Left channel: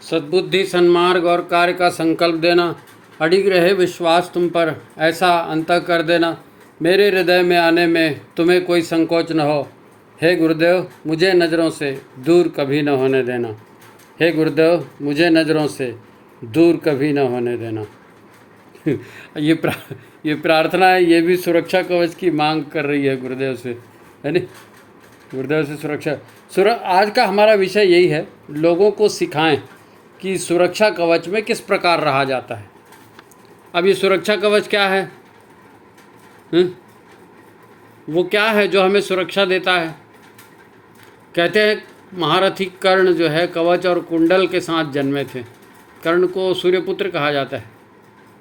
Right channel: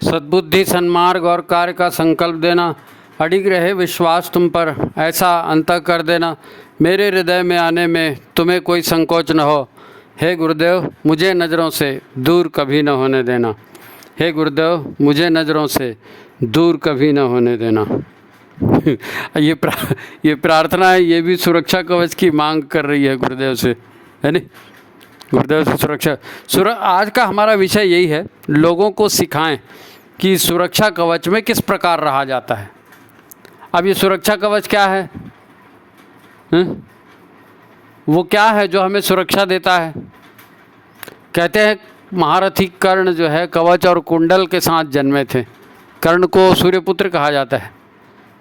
सद्बुद्धि, सन्मार्ग और कार्य का संकल्प देना, अडिग रहे विश्वास तुम पर, ऐसा अंतः कर देना मेरे हृदय में आने में तुम्हें कोई संकोच न हो। हे गुरुदेव, मुझे नज़रों से दूर कभी न होने देना। हे गुरुदेव, मुझे नज़रों से दूर कभी न होने देना। ये प्रार्थना है, ये भी सुरक्षा कवच की मांग कर रही है गुरुदेव से, है नहीं? गुरुदेव से सुरक्षा। आज का हमारा विषय यही है, लोगों को सिखाएं कि सुरक्षा कवच में किस प्रकार रहा जाता है। अब ये सुरक्षा कवच क्या है? वो क्या है जो हमें सुरक्षा देता है? कहते हैं महारथी कर्ण जो है कवच और कुंडल के साथ जन्मे थे। कर्ण को सूर्यपुत्र कहा जाता है।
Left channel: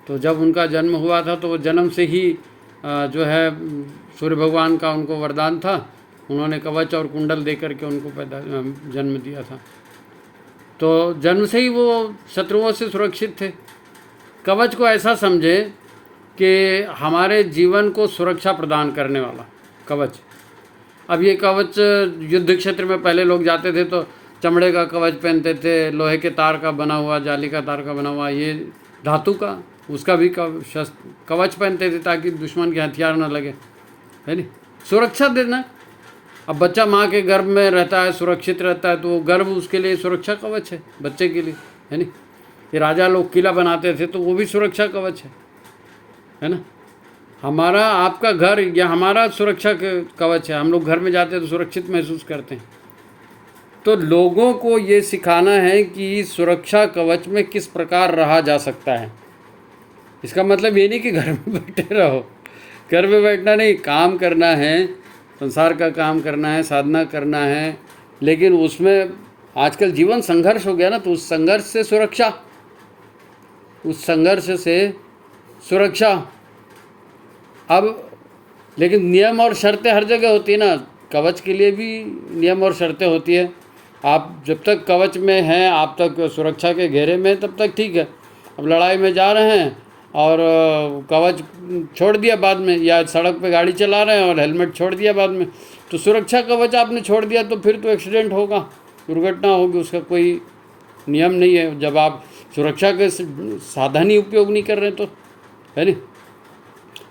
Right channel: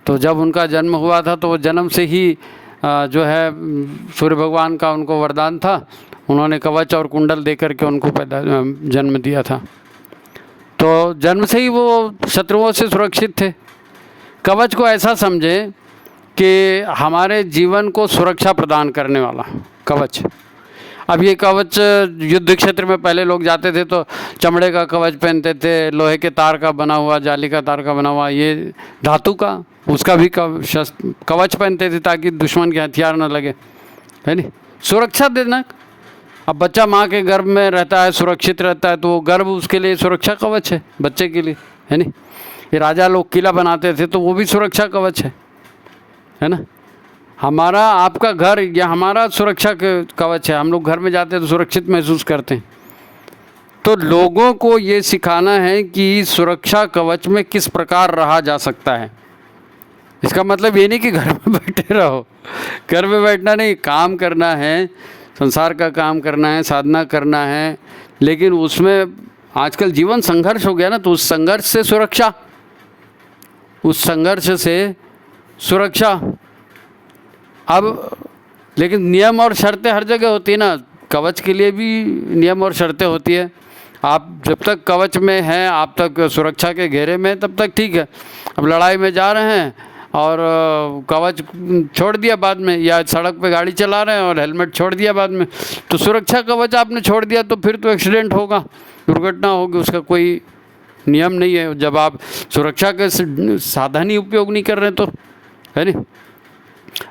तो जब उनका जन्म हुआ था तो वो जन्म से ही जो है सूर्य भगवान का उनको वरदान था, उन्होंने कवच और कुंडल दे करके उनको जन्म दिया था। तो जन्म से ही वो शत्रुओं से सुरक्षित थे। कवच को ऐसा समझे कि हमारे जीवन को सुरक्षा प्रदान करने वाला कवच। अब ये कवच युद्ध क्षेत्र में पहले लोग जाते थे तो चमड़े का कवच पहनते थे, लोहे के तार का बना हुआ, जाली का तार का बना हुआ, ये धातु का उसका भी कवच पहनते थे ताकि दुश्मन के हथियार न लगे, है नहीं? सुरक्षा देना। अब बच्चा माँ के गर्भ में रहता है, सुरक्षित रहता है, तो वो गर्भ उसके लिए सुरक्षा कवच है, बच्चे के लिए, है नहीं? ये राजा लोग किला बनाते थे तो वो भी सुरक्षा कवच है ना? हमारा आपका घर या हमारा सुरक्षा कवच है। हम लोग घर में जाते हैं तो सुरक्षित महसूस करते हैं। तो लोगों को ये सिखाना है कि सुरक्षा कवच में किस प्रकार रहा जा सकता है। इसका मतलब ये नहीं कि घर में बैठे रहो, घर में बैठना नहीं, काम करना है, संसार का काम करना है, साधना करना है, लेकिन उसमें आजकल जीवन संघर्ष हो गया ना, तो उस संघर्ष से सुरक्षा, उस संघर्ष से सुरक्षा। अब लेकिन नियम और शर्तें हर जगह होती है ना, कवच के लिए भी नियम और शर्तें होती है। आप जब तक कवच में हैं, आप तक सुरक्षा के घेरे में, तब तक ठीक है। अब लड़ाई में जा रहे हैं और कवच छोड़ दिया बाद में, या सड़क पे गाड़ी चला रहे हैं और हेलमेट छोड़ दिया बाद में, तो सुरक्षा कवच आपने छोड़ दिया तो फिर तो एक्सीडेंट होगा, दुर्घटना होगी, उसका कोई नियम नहीं है। जब आप सुरक्षा के साधन ही उपयोग नहीं कर रहे तो, है नहीं?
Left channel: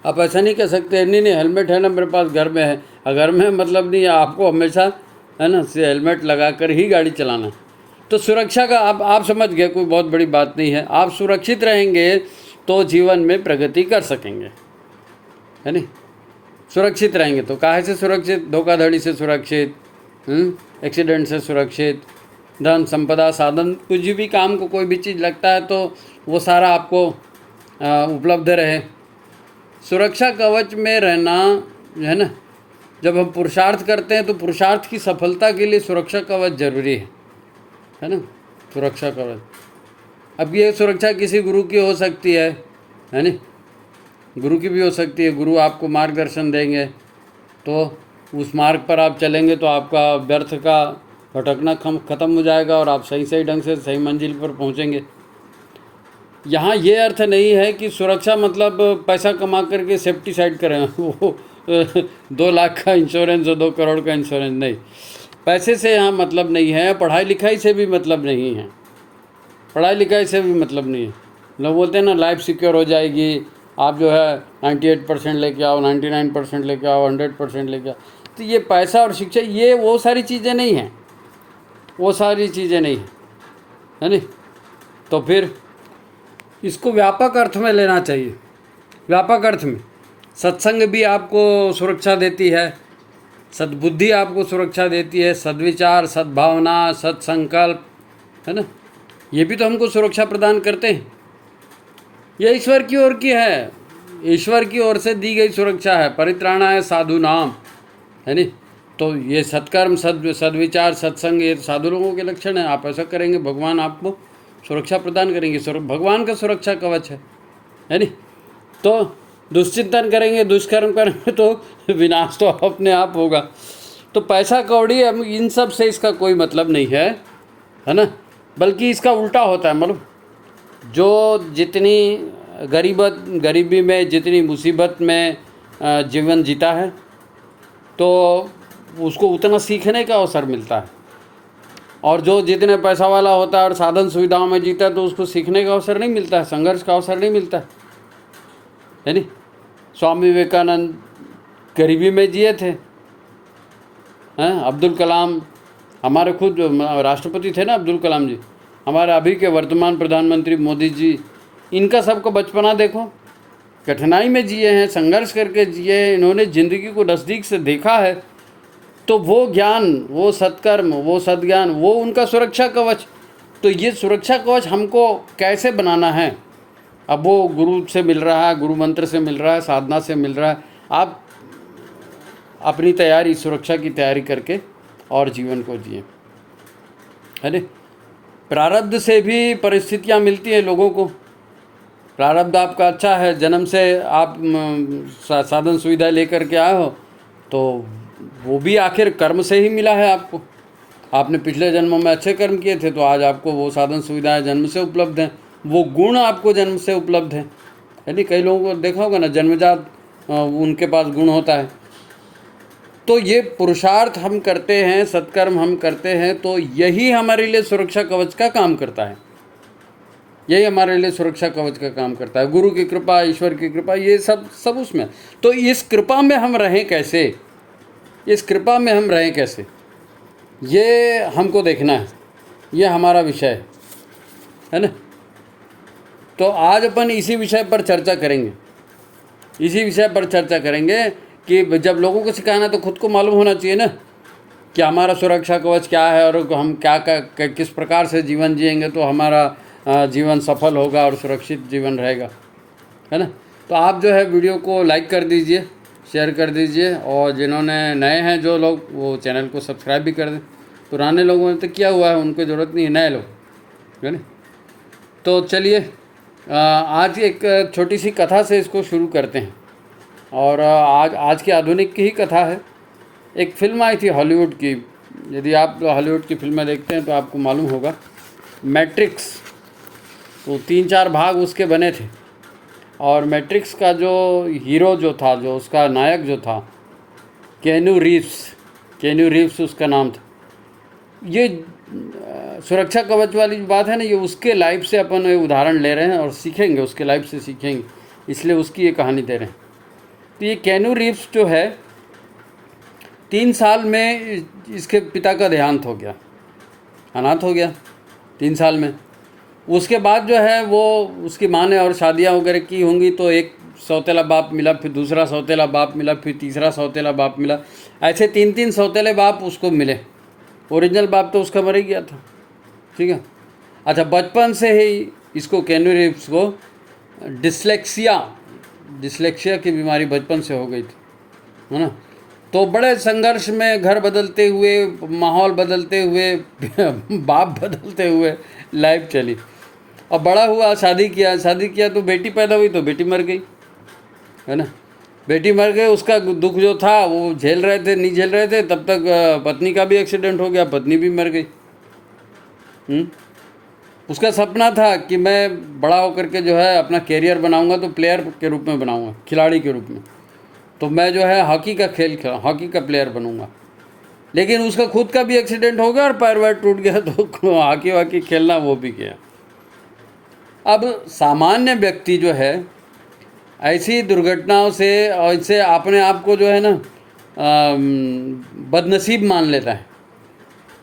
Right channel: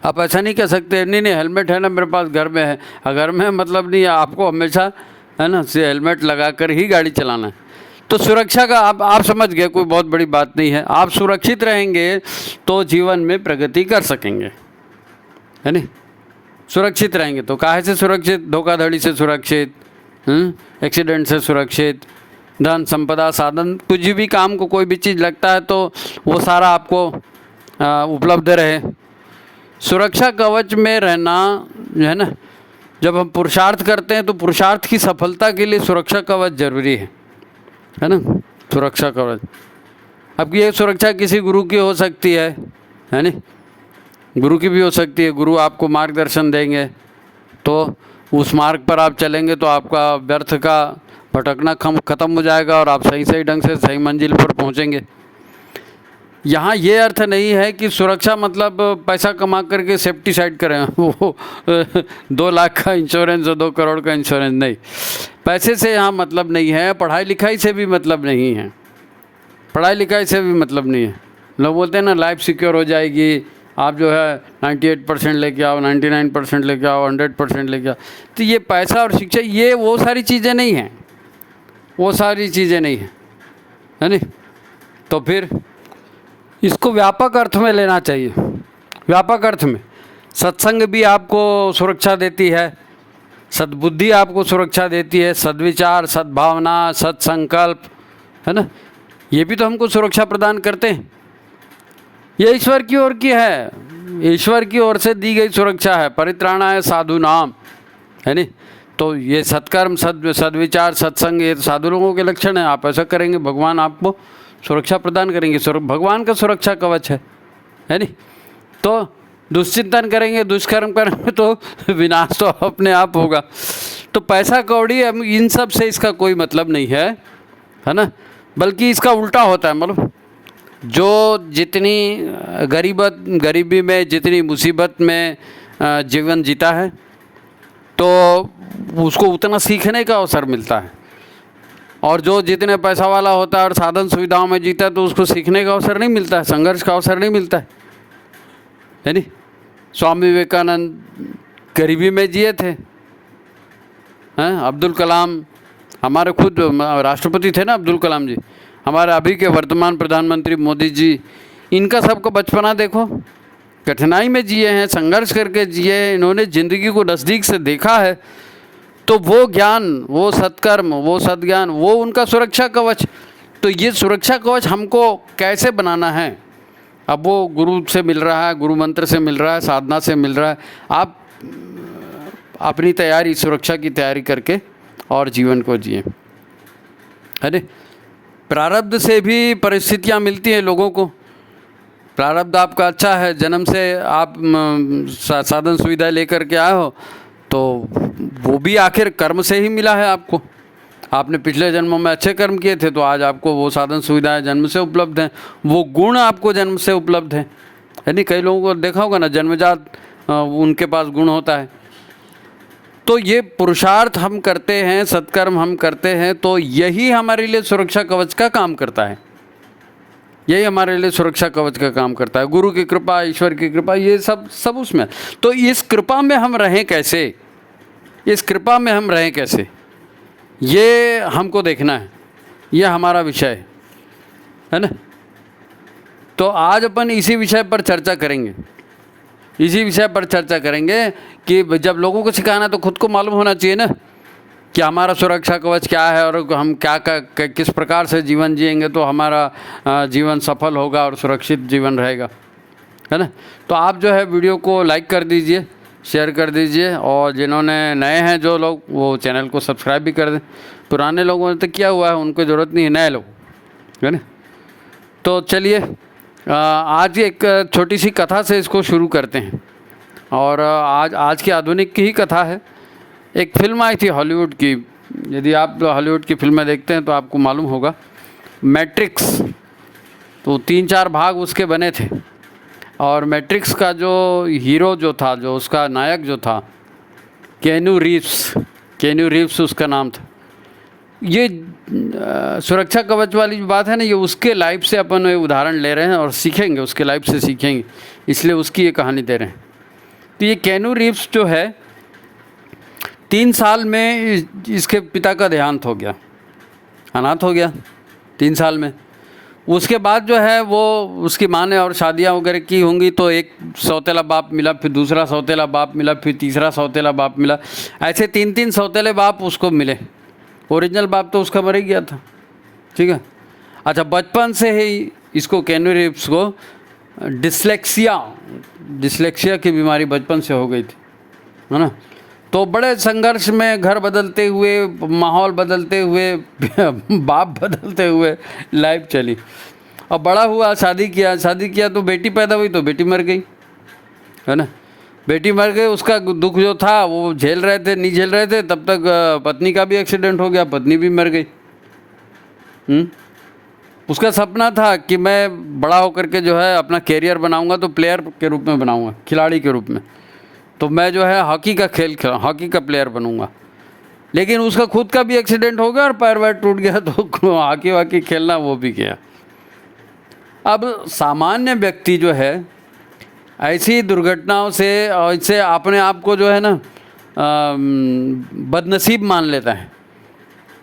आप ऐसा नहीं कह सकते नहीं हेलमेट है ना मेरे पास घर में है, घर में मतलब नहीं है, आपको हमेशा है ना से हेलमेट लगा कर ही गाड़ी चलाना है। तो सुरक्षा का आप समझ गए, कोई बहुत बड़ी बात नहीं है। आप सुरक्षित रहेंगे तो जीवन में प्रगति कर सकेंगे, है नहीं? सुरक्षित रहेंगे तो काहे से सुरक्षित? धोखाधड़ी से सुरक्षित, एक्सीडेंट से सुरक्षित, धन संपदा साधन, कुछ भी काम को कोई भी चीज़ लगता है तो वो सारा आपको उपलब्ध रहे। सुरक्षा कवच में रहना जो है ना, जब हम पुरुषार्थ करते हैं तो पुरुषार्थ की सफलता के लिए सुरक्षा कवच जरूरी है ना? सुरक्षा कवच। अब ये सुरक्षा किसी गुरु की हो सकती है नहीं? गुरु की भी हो सकती है। गुरु आपको मार्गदर्शन देंगे तो उस मार्ग पर आप चलेंगे तो आपका व्यर्थ का भटकना खत्म हो जाएगा और आप सही ढंग से सही मंजिल पर पहुंचेंगे। यहाँ ये अर्थ नहीं है कि सुरक्षा मतलब पैसा कमा करके सेफ्टी साइड करें, वो 2 लाख का इंश्योरेंस और 2 करोड़ का इंश्योरेंस नहीं। पैसे से यहाँ मतलब नहीं है, पढ़ाई लिखाई से भी मतलब नहीं है, पढ़ाई लिखाई से भी मतलब नहीं है। लोग बोलते हैं ना लाइफ सिक्योर हो जाएगी, आप जो है 98% लेके आओ, 99% लेके आओ, 100% लेके आओ। तो ये पैसा और शिक्षा, ये वो सारी चीज़ें नहीं हैं, वो सारी चीज़ें नहीं हैं, है नहीं? तो फिर इसको व्यापक अर्थ में लेना चाहिए। व्यापक अर्थ में सत्संग भी आपको सुरक्षा देती है, सद्बुद्धि आपको सुरक्षा देती है, सद्विचार, सद्भावना, सत्संकल्प, है ना, ये भी तो हमको सुरक्षा प्रदान करते हैं। ये ईश्वर की ओर की है, ईश्वर की ओर से दी गई सुरक्षा है। परित्राणाय साधु नाम, है नहीं? तो ये सत्कर्म, सद्विचार, सत्संग, ये साधु लोगों के लक्षण हैं। आप ऐसा करेंगे भगवान आपको सुरक्षा प्रदान करेंगे। भगवान का सुरक्षा कवच है नहीं? तो दुश्चिंतन करेंगे, दुष्कर्म करेंगे तो विनाश तो अपने आप होगा। तो पैसा कौड़ी इन सब से इसका कोई मतलब नहीं है ना? बल्कि इसका उल्टा होता है। मतलब जो जितनी गरीबी में, जितनी मुसीबत में जीवन जीता है तो उसको उतना सीखने का अवसर मिलता है। और जो जितने पैसा वाला होता है और साधन सुविधाओं में जीता है तो उसको सीखने का अवसर नहीं मिलता है, संघर्ष का अवसर नहीं मिलता है नहीं। स्वामी विवेकानंद गरीबी में जिए थे, हैं? अब्दुल कलाम हमारे खुद राष्ट्रपति थे ना, अब्दुल कलाम जी, हमारे अभी के वर्तमान प्रधानमंत्री मोदी जी, इनका सबको बचपना देखो, कठिनाई में जिए हैं, संघर्ष करके जिए, इन्होंने ज़िंदगी को नज़दीक से देखा है। तो वो ज्ञान, वो सत्कर्म, वो सद्ज्ञान, वो उनका सुरक्षा कवच। तो ये सुरक्षा कवच हमको कैसे बनाना है? अब वो गुरु से मिल रहा है, गुरु मंत्र से मिल रहा है, साधना से मिल रहा है। आप अपनी तैयारी, सुरक्षा की तैयारी करके और जीवन को जिए। अरे प्रारब्ध से भी परिस्थितियाँ मिलती हैं लोगों को। प्रारब्ध आपका अच्छा है, जन्म से आप साधन सुविधा लेकर के आए हो, तो वो भी आखिर कर्म से ही मिला है आपको। आपने पिछले जन्मों में अच्छे कर्म किए थे तो आज आपको वो साधन सुविधाएं जन्म से उपलब्ध हैं, वो गुण आपको जन्म से उपलब्ध हैं। है नहीं, कई लोगों को देखा होगा ना, जन्मजात उनके पास गुण होता है। तो ये पुरुषार्थ हम करते हैं, सत्कर्म हम करते हैं, तो यही हमारे लिए सुरक्षा कवच का काम करता है। यही हमारे लिए सुरक्षा कवच का काम करता है। गुरु की कृपा, ईश्वर की कृपा, ये सब उसमें। तो इस कृपा में हम रहें कैसे, इस कृपा में हम रहें कैसे, ये हमको देखना है। ये हमारा विषय है ना। तो आज अपन इसी विषय पर चर्चा करेंगे, इसी विषय पर चर्चा करेंगे कि जब लोगों को सिखाना तो खुद को मालूम होना चाहिए ना कि हमारा सुरक्षा कवच क्या है और हम किस प्रकार से जीवन जिएंगे तो हमारा जीवन सफल होगा और सुरक्षित जीवन रहेगा, है ना। तो आप जो है वीडियो को लाइक कर दीजिए, शेयर कर दीजिए, और जिन्होंने नए हैं जो लोग, वो चैनल को सब्सक्राइब भी कर दें। पुराने लोगों ने तो किया हुआ है, उनको ज़रूरत नहीं है, नए लोग, है ना। तो चलिए आज एक छोटी सी कथा से इसको शुरू करते हैं। और आज की आधुनिक की ही कथा है। एक फिल्म आई थी हॉलीवुड की, यदि आप हॉलीवुड की फिल्में देखते हैं तो आपको मालूम होगा, मैट्रिक्स। तो 3-4 भाग उसके बने थे, और मैट्रिक्स का जो हीरो जो था, जो उसका नायक जो था, केनू रीव्स उसका नाम था। ये सुरक्षा कवच वाली जो बात है ना, ये उसके लाइफ से अपन उदाहरण ले रहे हैं और सीखेंगे, उसके लाइफ से सीखेंगे, इसलिए उसकी ये कहानी दे रहे हैं। तो ये केनू रीव्स जो है, 3 साल में इसके पिता का देहांत हो गया, अनाथ हो गया 3 साल में। उसके बाद जो है वो उसकी माँ ने और शादियाँ वगैरह की होंगी, तो एक सौतेला बाप मिला, फिर दूसरा सौतेला बाप मिला, फिर तीसरा सौतेला बाप मिला, ऐसे 3-3 सौतेले बाप उसको मिले। ओरिजिनल बाप तो उसका मर ही गया था, ठीक है। अच्छा, बचपन से ही इसको, केनू रीव्स को डिसलेक्सिया की बीमारी बचपन से हो गई थी, है ना। तो बड़े संघर्ष में, घर बदलते हुए, माहौल बदलते हुए, बाप बदलते हुए लाइफ चली। अब बड़ा हुआ, शादी किया तो बेटी पैदा हुई तो बेटी मर गई, है ना। बेटी मर गई, उसका दुख जो था वो झेल रहे थे, नहीं झेल रहे थे, तब तक पत्नी का भी एक्सीडेंट हो गया, पत्नी भी मर गई। उसका सपना था कि मैं बड़ा होकर के जो है अपना कैरियर बनाऊंगा, तो प्लेयर के रूप में बनाऊंगा, खिलाड़ी के रूप में। तो मैं जो है हॉकी का प्लेयर बनूंगा। लेकिन उसका खुद का भी एक्सीडेंट हो गया और पैर वैर टूट गया, तो हॉकी खेलना वो भी गया। अब सामान्य व्यक्ति जो है ऐसी दुर्घटनाओं से, ऐसे अपने आप को जो है ना बदनसीब मान लेता है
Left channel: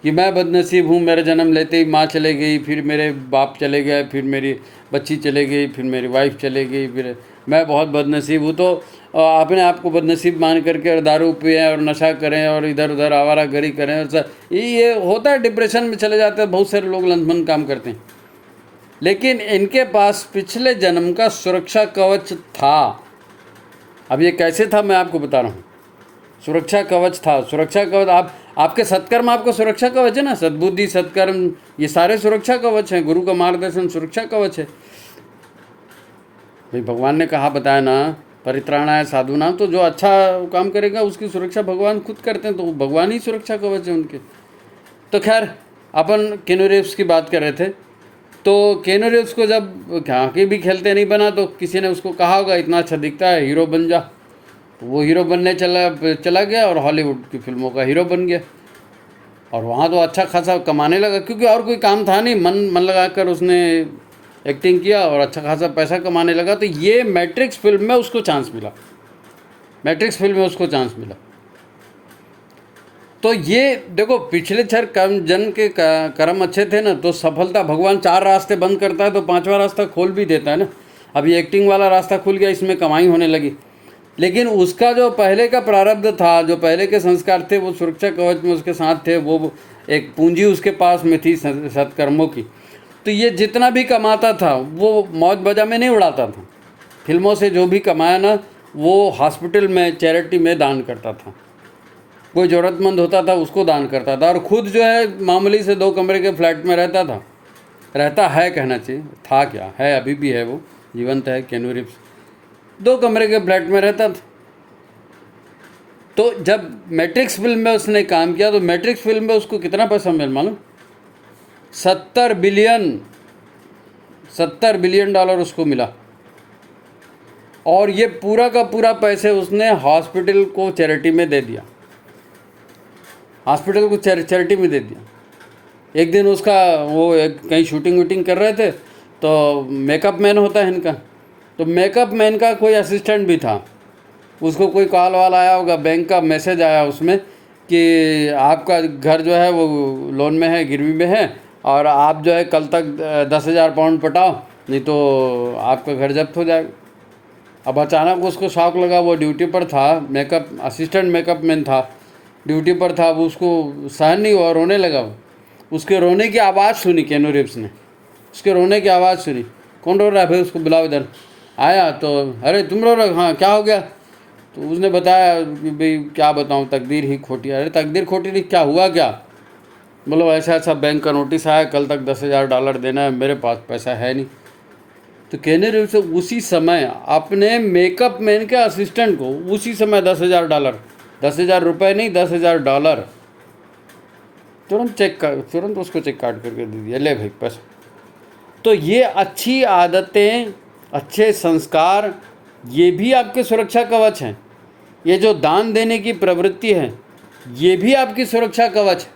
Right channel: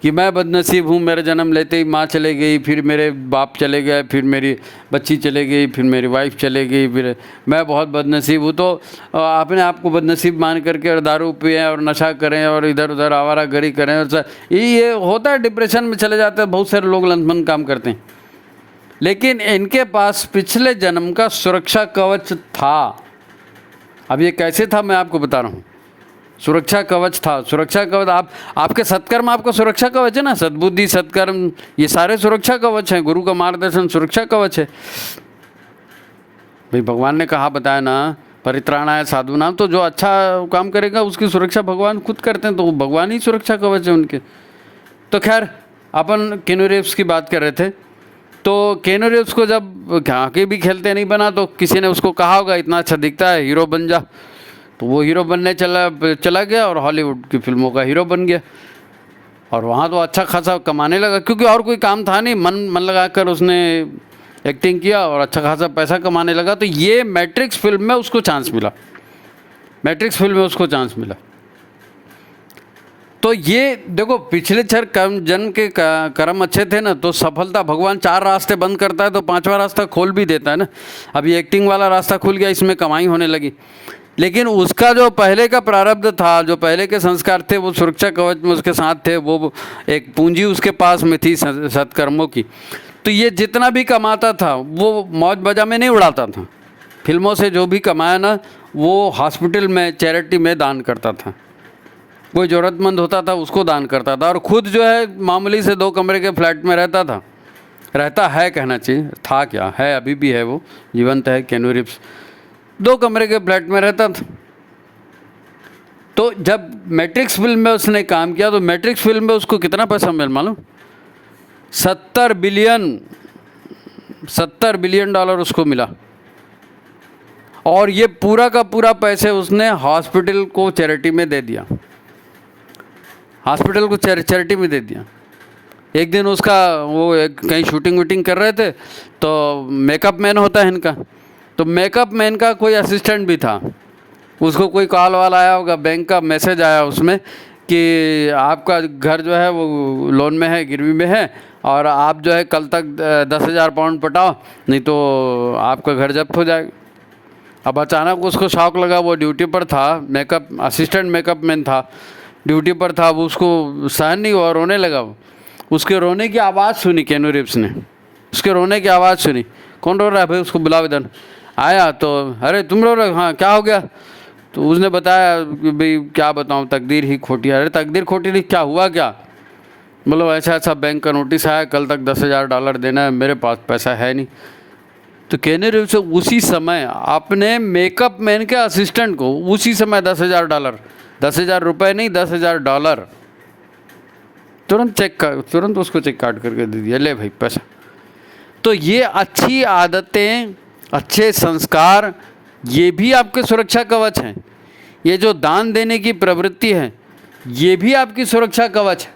कि मैं बदनसीब हूँ, मेरा जन्म लेते ही माँ चले गई, फिर मेरे बाप चले गए, फिर मेरी बच्ची चले गई, फिर मेरी वाइफ चले गई, फिर मैं बहुत बदनसीब हूँ। तो अपने आप को बदनसीब मान करके और दारू पिएं और नशा करें और इधर उधर आवारागर्दी करें, और ये होता है, डिप्रेशन में चले जाते हैं। बहुत सारे लोग लंथमन काम करते हैं, लेकिन इनके पास पिछले जन्म का सुरक्षा कवच था। अब ये कैसे था मैं आपको बता रहा हूँ। सुरक्षा कवच था, सुरक्षा कवच आपके सत्कर्म आपको सुरक्षा कवच है ना, सद्बुद्धि, सत्कर्म, ये सारे सुरक्षा कवच हैं। गुरु का मार्गदर्शन सुरक्षा कवच है भाई। भगवान ने कहा, बताया ना, परित्राणाय साधूनाम, तो जो अच्छा काम करेगा उसकी सुरक्षा भगवान खुद करते हैं, तो भगवान ही सुरक्षा कवच है उनके। तो खैर, अपन केनू रीव्स की बात कर रहे थे। तो केनू रीव्स को जब हॉकी भी खेलते नहीं बना, तो किसी ने उसको कहा होगा इतना अच्छा दिखता है, हीरो बन जा। तो वो हीरो बनने चला गया और हॉलीवुड की फिल्मों का हीरो बन गया। और वहाँ तो अच्छा खासा कमाने लगा, क्योंकि और कोई काम था नहीं, मन लगा कर उसने एक्टिंग किया और अच्छा खासा पैसा कमाने लगा। तो ये मैट्रिक्स फिल्म में उसको चांस मिला, मैट्रिक्स फिल्म में उसको चांस मिला। तो ये देखो, पिछले 6 जन के कर्म अच्छे थे ना, तो सफलता, भगवान 4 रास्ते बंद करता है तो 5वां रास्ता खोल भी देता है ना। अभी एक्टिंग वाला रास्ता खुल गया, इसमें कमाई होने लगी। लेकिन उसका जो पहले का प्रारब्ध था, जो पहले के संस्कार थे, वो सुरक्षा कवच में उसके साथ थे, वो एक पूंजी उसके पास में थी सत्कर्मों की। तो ये जितना भी कमाता था वो मौज बजा में नहीं उड़ाता था। फिल्मों से जो भी कमाया ना, वो हॉस्पिटल में, चैरिटी में दान करता था। कोई ज़रूरतमंद होता था उसको दान करता था, और ख़ुद जो है मामूली से 2 कमरे के फ्लैट में रहता था, रहता है कहना चाहिए, था क्या है, अभी भी है, वो जीवंत है, केनू रीव्स 2 कमरे के फ्लैट में रहता था। तो जब मैट्रिक्स फिल्म में उसने काम किया, तो मैट्रिक्स फिल्म में उसको कितना पैसा मिला मालूम? 70 बिलियन डॉलर उसको मिला। और ये पूरा का पूरा पैसे उसने हॉस्पिटल को चैरिटी में दे दिया, हॉस्पिटल को चैरिटी में दे दिया। एक दिन उसका वो कहीं शूटिंग वूटिंग कर रहे थे, तो मेकअप मैन होता है इनका, तो मेकअप मैन का कोई असिस्टेंट भी था। उसको कोई कॉल वाल आया होगा, बैंक का मैसेज आया उसमें कि आपका घर जो है वो लोन में है, गिरवी में है, और आप जो है कल तक 10,000 पाउंड पटाओ, नहीं तो आपका घर जब्त हो जाएगा। अब अचानक उसको शौक लगा, वो ड्यूटी पर था, मेकअप असिस्टेंट मेकअप मैन था, ड्यूटी पर था, वो उसको सहन नहीं हुआ, रोने लगा। उसके रोने की आवाज़ सुनी केनू रीव्स ने, उसके रोने की आवाज़ सुनी। कौन रो रहा है भाई, उसको बुलाओ इधर। आया तो, अरे तुम रो रहे हो? हाँ, क्या हो गया? तो उसने बताया कि भाई क्या बताऊँ, तकदीर ही खोटी है। अरे तकदीर खोटी नहीं, क्या हुआ क्या? मतलब ऐसा ऐसा बैंक का नोटिस आया, कल तक 10,000 डॉलर देना है, मेरे पास पैसा है नहीं। तो केनू रीव्स उसी समय अपने मेकअप मैन के असिस्टेंट को उसी समय 10,000 डॉलर, 10,000 रुपये नहीं, 10,000 डॉलर तुरंत उसको चेक काट करके दे दिया, ले भाई पैसा। तो ये अच्छी आदतें, अच्छे संस्कार, ये भी आपके सुरक्षा कवच हैं। ये जो दान देने की प्रवृत्ति है, ये भी आपकी सुरक्षा कवच है,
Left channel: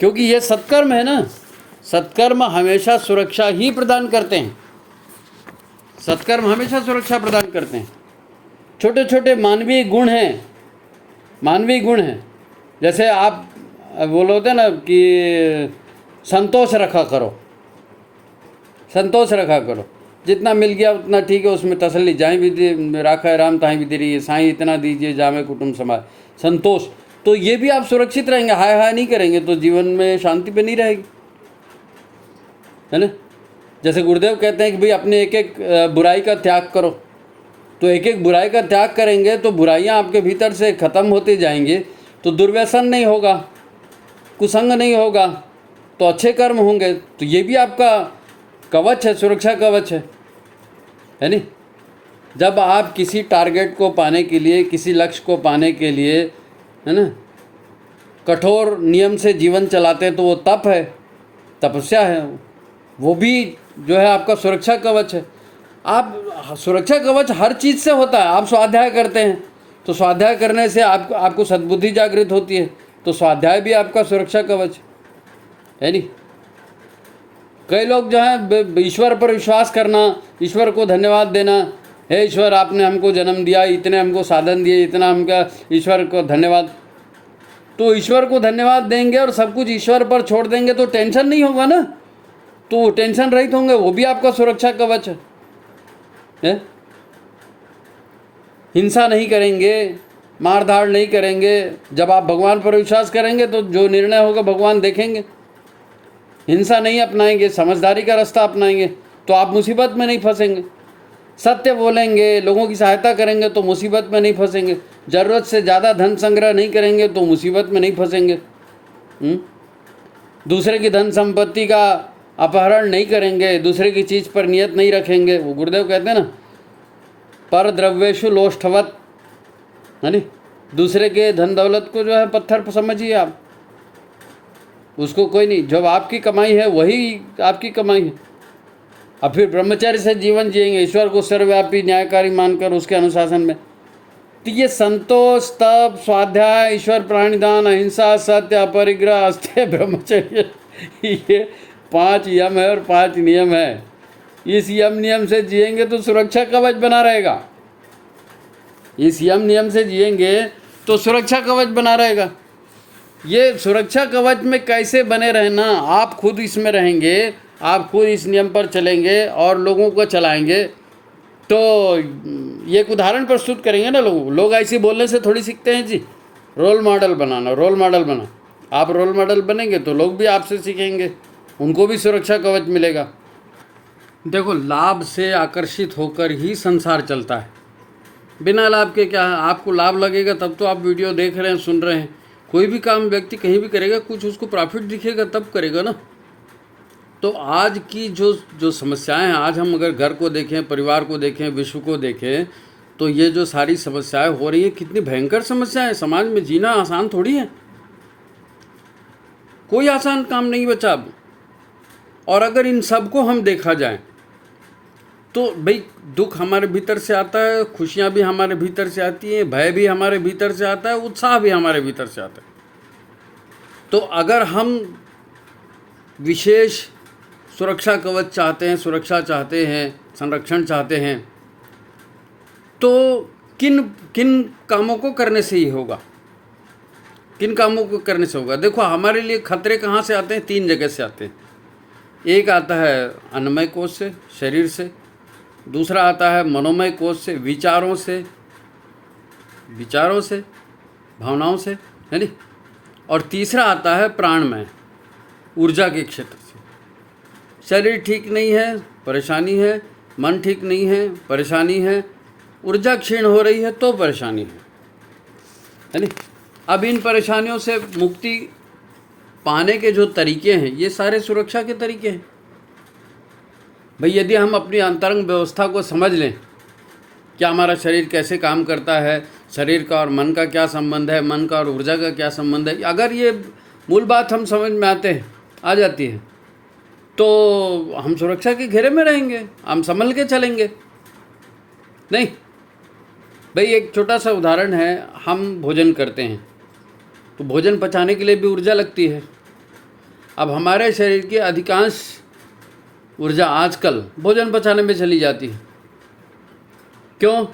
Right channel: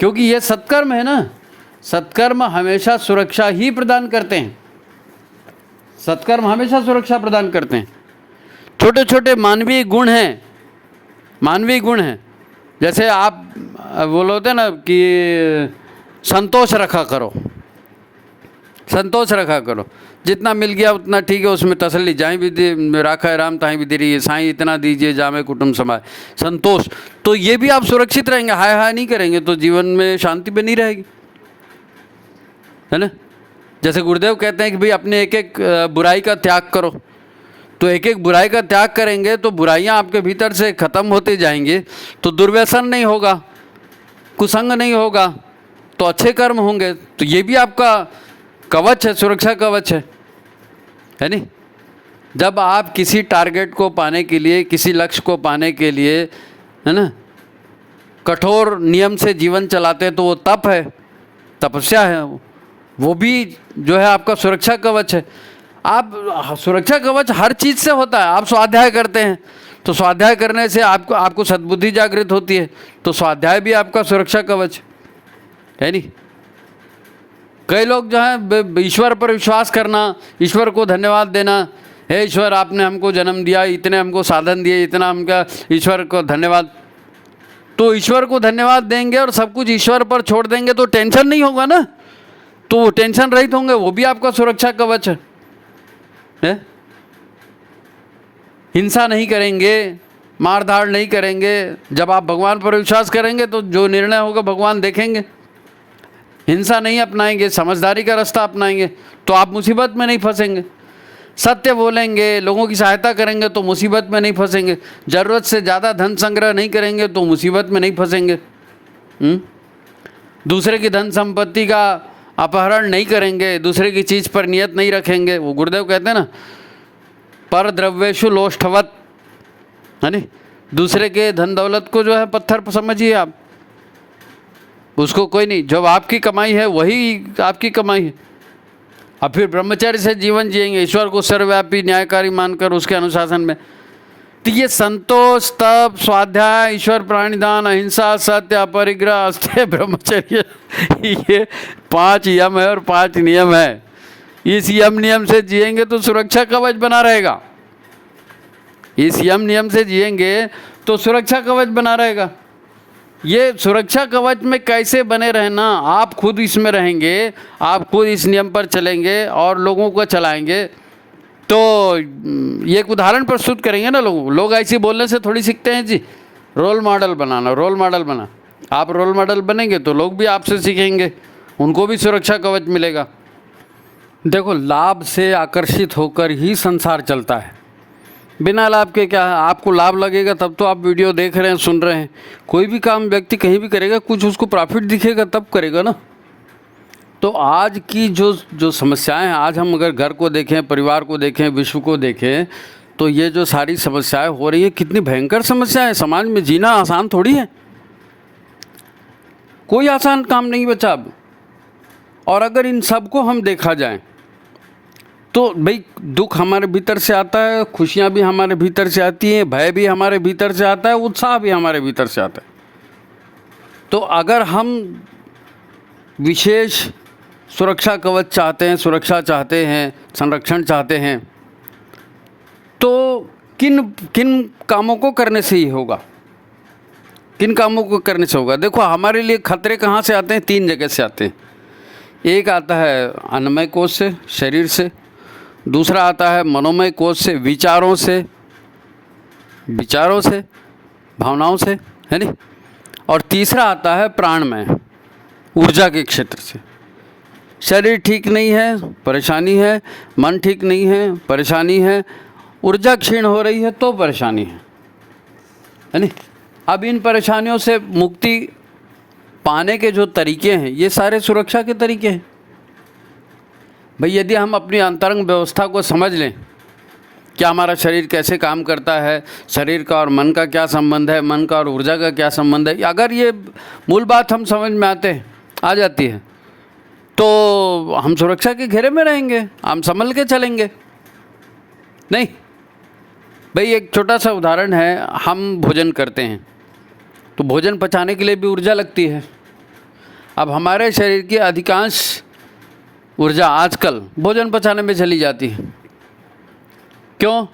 क्योंकि ये सत्कर्म है ना। सत्कर्म हमेशा सुरक्षा ही प्रदान करते हैं, सत्कर्म हमेशा सुरक्षा प्रदान करते हैं। छोटे छोटे मानवीय गुण हैं, मानवीय गुण हैं। जैसे आप बोलोते ना कि संतोष रखा करो, संतोष रखा करो, जितना मिल गया उतना ठीक है, उसमें तसल्ली। जाए भी राखा है राम ताही भी दे रही है, साईं इतना दीजिए जामे कुटुंब समाए, संतोष। तो ये भी आप सुरक्षित रहेंगे। हाय हाय नहीं करेंगे तो जीवन में शांति बनी रहेगी, है ना। जैसे गुरुदेव कहते हैं कि भाई अपने एक एक बुराई का त्याग करो, तो एक एक बुराई का त्याग करेंगे तो बुराइयां आपके भीतर से ख़त्म होते जाएंगे, तो दुर्व्यसन नहीं होगा, कुसंग नहीं होगा, तो अच्छे कर्म होंगे। तो ये भी आपका कवच है, सुरक्षा कवच है नहीं। जब आप किसी टारगेट को पाने के लिए, किसी लक्ष्य को पाने के लिए, है ना, कठोर नियम से जीवन चलाते हैं, तो वो तप है, तपस्या है, वो भी जो है आपका सुरक्षा कवच है। आप सुरक्षा कवच हर चीज़ से होता है। आप स्वाध्याय करते हैं तो स्वाध्याय करने से आपको सद्बुद्धि जागृत होती है, तो स्वाध्याय भी आपका सुरक्षा कवच है नहीं। कई लोग जो हैं ईश्वर पर विश्वास करना, ईश्वर को धन्यवाद देना, हे ईश्वर आपने हमको जन्म दिया, इतने हमको साधन दिए, इतना हमका ईश्वर को धन्यवाद। तो ईश्वर को धन्यवाद देंगे और सब कुछ ईश्वर पर छोड़ देंगे तो टेंशन नहीं होगा ना, तो टेंशन रहित होंगे, वो भी आपका सुरक्षा कवच है। हिंसा नहीं करेंगे, मारधाड़ नहीं करेंगे। जब आप भगवान पर विश्वास करेंगे तो जो निर्णय होगा भगवान देखेंगे। हिंसा नहीं अपनाएंगे, समझदारी का रास्ता अपनाएंगे तो आप मुसीबत में नहीं फंसेंगे। सत्य बोलेंगे, लोगों की सहायता करेंगे तो मुसीबत में नहीं फंसेंगे। ज़रूरत से ज़्यादा धन संग्रह नहीं करेंगे तो मुसीबत में नहीं फंसेंगे। दूसरे की धन संपत्ति का अपहरण नहीं करेंगे, दूसरे की चीज़ पर नियत नहीं रखेंगे। वो गुरुदेव कहते हैं ना, पर द्रव्येषु लोष्ठवत, है नी। दूसरे के धन दौलत को जो है पत्थर समझिए आप, उसको कोई नहीं। जब आपकी कमाई है वही आपकी कमाई है। अब फिर ब्रह्मचर्य से जीवन जिएंगे, ईश्वर को सर्वव्यापी न्यायकारी मानकर उसके अनुशासन में, तो ये संतोष, तप, स्वाध्याय, ईश्वर प्राणिदान, अहिंसा, सत्य, अपरिग्रह, अस्तेय, ब्रह्मचर्य, ये 5 यम है और 5 नियम है। इस यम नियम से जिएंगे तो सुरक्षा कवच बना रहेगा। इस यम नियम से जिएंगे तो सुरक्षा कवच बना रहेगा। ये सुरक्षा कवच में कैसे बने रहना, आप खुद इसमें रहेंगे, आप खुद इस नियम पर चलेंगे और लोगों को चलाएंगे, तो ये एक उदाहरण प्रस्तुत करेंगे ना लोगों को। लोग ऐसे बोलने से थोड़ी सीखते हैं जी। रोल मॉडल बनाना, रोल मॉडल बना, आप रोल मॉडल बनेंगे तो लोग भी आपसे सीखेंगे, उनको भी सुरक्षा कवच मिलेगा। देखो, लाभ से आकर्षित होकर ही संसार चलता है, बिना लाभ के क्या है। आपको लाभ लगेगा तब तो आप वीडियो देख रहे हैं, सुन रहे हैं। कोई भी काम व्यक्ति कहीं भी करेगा, कुछ उसको प्रॉफिट दिखेगा तब करेगा ना। तो आज की जो समस्याएं हैं, आज हम अगर घर को देखें, परिवार को देखें, विश्व को देखें, तो ये जो सारी समस्याएं हो रही है, कितनी भयंकर समस्याएं हैं। समाज में जीना आसान थोड़ी है, कोई आसान काम नहीं बचा अब। और अगर इन सबको हम देखा जाए तो भाई, दुख हमारे भीतर से आता है, खुशियाँ भी हमारे भीतर से आती हैं, भय भी हमारे भीतर से आता है, उत्साह भी हमारे भीतर से आता है। तो अगर हम विशेष सुरक्षा कवच चाहते हैं, सुरक्षा चाहते हैं, संरक्षण चाहते हैं, तो किन किन कामों को करने से ही होगा, किन कामों को करने से होगा। देखो, हमारे लिए खतरे कहाँ से आते हैं? 3 जगह से आते हैं। एक आता है अन्नमय कोश से, शरीर से। दूसरा आता है मनोमय कोश से, विचारों से, भावनाओं से, है नहीं। और तीसरा आता है प्राणमय, ऊर्जा के क्षेत्र से। शरीर ठीक नहीं है, परेशानी है, मन ठीक नहीं है, परेशानी है, ऊर्जा क्षीण हो रही है तो परेशानी है नहीं। अब इन परेशानियों से मुक्ति पाने के जो तरीके हैं, ये सारे सुरक्षा के तरीके हैं। भाई, यदि हम अपनी अंतरंग व्यवस्था को समझ लें, क्या हमारा शरीर कैसे काम करता है, शरीर का और मन का क्या संबंध है, मन का और ऊर्जा का क्या संबंध है, अगर ये मूल बात हम समझ में आ जाती है, तो हम सुरक्षा के घेरे में रहेंगे, हम संभल के चलेंगे। नहीं भाई, एक छोटा सा उदाहरण है। हम भोजन करते हैं तो भोजन पचाने के लिए भी ऊर्जा लगती है। अब हमारे शरीर की अधिकांश ऊर्जा आजकल भोजन पचाने में चली जाती है। क्यों?